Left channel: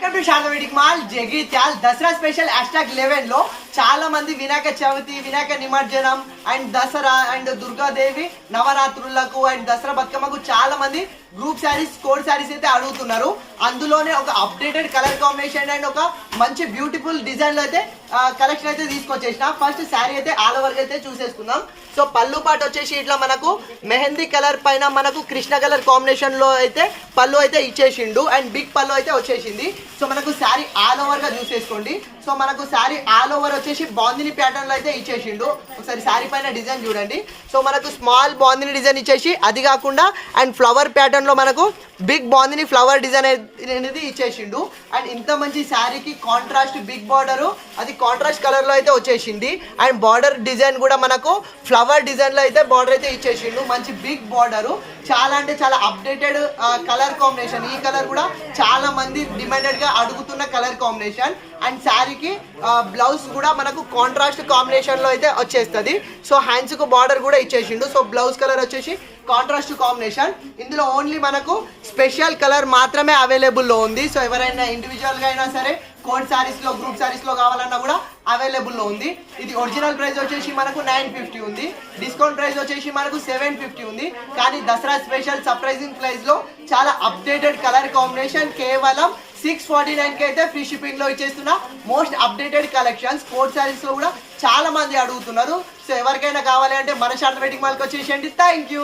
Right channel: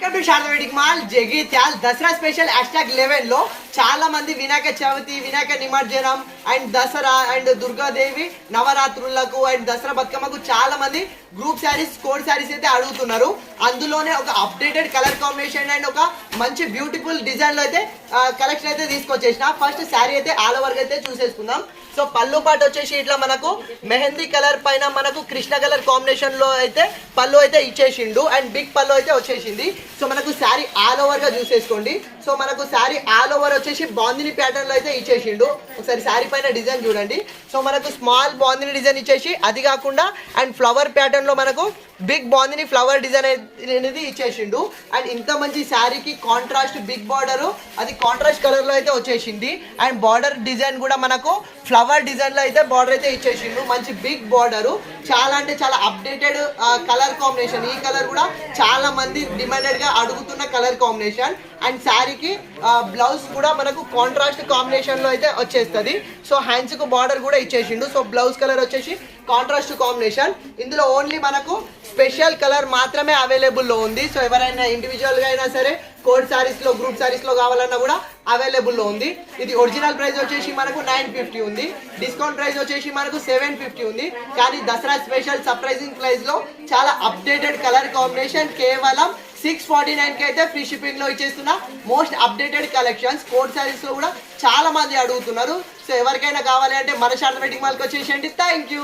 శాంతవేడికి mall Jagtial Dasara special #11 లో చాలా మంది వినాయక చవితి, వినాయక నిమజ్జనం అండ్ దసరా అండ్ దుర్గాదేవి నవరాత్రులకు అండ్ దసరా బతుకమ్మకు చాలా మంది గ్రూప్ శారీస్, కోడ్ శారీస్ అయితే అడుగుతున్నారు. అందులోనే ఒక అప్డేటెడ్ కలర్ కాంబినేషన్ అండ్ ఒక మంచి బ్యూటిఫుల్ డిజైన్ లో అయితే కలెక్షన్ అయితే తీసుకొచ్చేసిన. ఫస్ట్ శారీ అయితే ఆల్ ఓవర్ అయితే చూసేసుకుందాం. సో పళ్ళు పాటు వచ్చేసి ఇట్లా మనకు మెహందీ కలర్ పైన మనకు కృష్ణ కలర్ కాంబినేషన్ లో అయితే పళ్ళు అయితే ఇచ్చేసిండు అండ్ బిగ్ పళ్ళు అయితే వచ్చేసింది. సో మనకు శారీ ఆల్ ఓవర్ గా చూసేసుకోండి. సో మనకు శారీ ఆల్ ఓవర్ వచ్చేసి బాందిని ప్యాటర్న్ లో అయితే ఇచ్చేసిండు. ఒకసారి శారీ పైన డిజైన్ చూడండి. సో మనకు స్మాల్ బాందిని డిజైన్ ఇచ్చేసి అది కాకుండా అండ్ ఫ్లవర్ ప్యాటర్న్ లో మనకు బిగ్ బాందిని ఫ్లవర్ డిజైన్ అనేది ఇచ్చేసిండు. అండ్ ఇంత మంచి శారీకి కాంట్రాస్ట్ బిగ్ బార్డర్, అది కాంట్రాస్ట్ కలర్ లో అయితే వచ్చేసింది. అండ్ బార్డర్ డిజైన్ కూడా మనకు ఫ్లవర్ డిజైన్ లో అయితే బార్డర్ అయితే ఇచ్చేసిండు. మంచి బిగ్ బార్డర్, చాలా అంటే చాలా అప్డేటెడ్ కలర్ కాంబినేషన్. ఈ కలర్ కూడా చాలా మంది డిమాండెడ్ గా అడుగుతున్న కలర్ కాంబినేషన్. అండ్ శారీకి బ్లౌజ్ కూడా మనకు కాంట్రాస్ట్ కాంబినేషన్ లో అయితే వచ్చేస్తుంది. సో హ్యాండ్స్ కు బార్డర్ కూడా ఇచ్చేసిండు. సో బ్లౌజ్ కలర్ వచ్చేసి కాంట్రాస్ట్ కాంబినేషన్. ఇందులో ఓన్లీ మనకు స్పెషల్ కలర్ మాత్రమే అవైలబుల్ లో ఉంది. సో ఎవరైనా ఇండివిజువల్ గా అయినా సరే కోడ్ సారీస్ లో, గ్రూప్ సారీస్ లో కావాలన్నా కూడా అవైలబుల్ లో ఉంది. ఇది ఒరిజినల్ ప్రైస్ వచ్చేసి మనకు 950 ఉంది. డిస్కౌంట్ ప్రైస్ వచ్చేసి మనకు 750 ఉంది. కానీ దసరా స్పెషల్ సర్ప్రైజింగ్ ప్రైస్ లో చాలా అప్డేటెడ్ కలర్ కాంబినేషన్ కేవలం 649 కి అయితే ఫ్రీ షిప్పింగ్ లో ఇచ్చేస్తున్నా. Most updated collections code saris లో కూడా చాలా మంది అడుగుతున్నారు. సో ఎవరికైనా కావాలి అంటే మన శాంతవేడికి మాల్కి వచ్చేసేయండి. Thank you.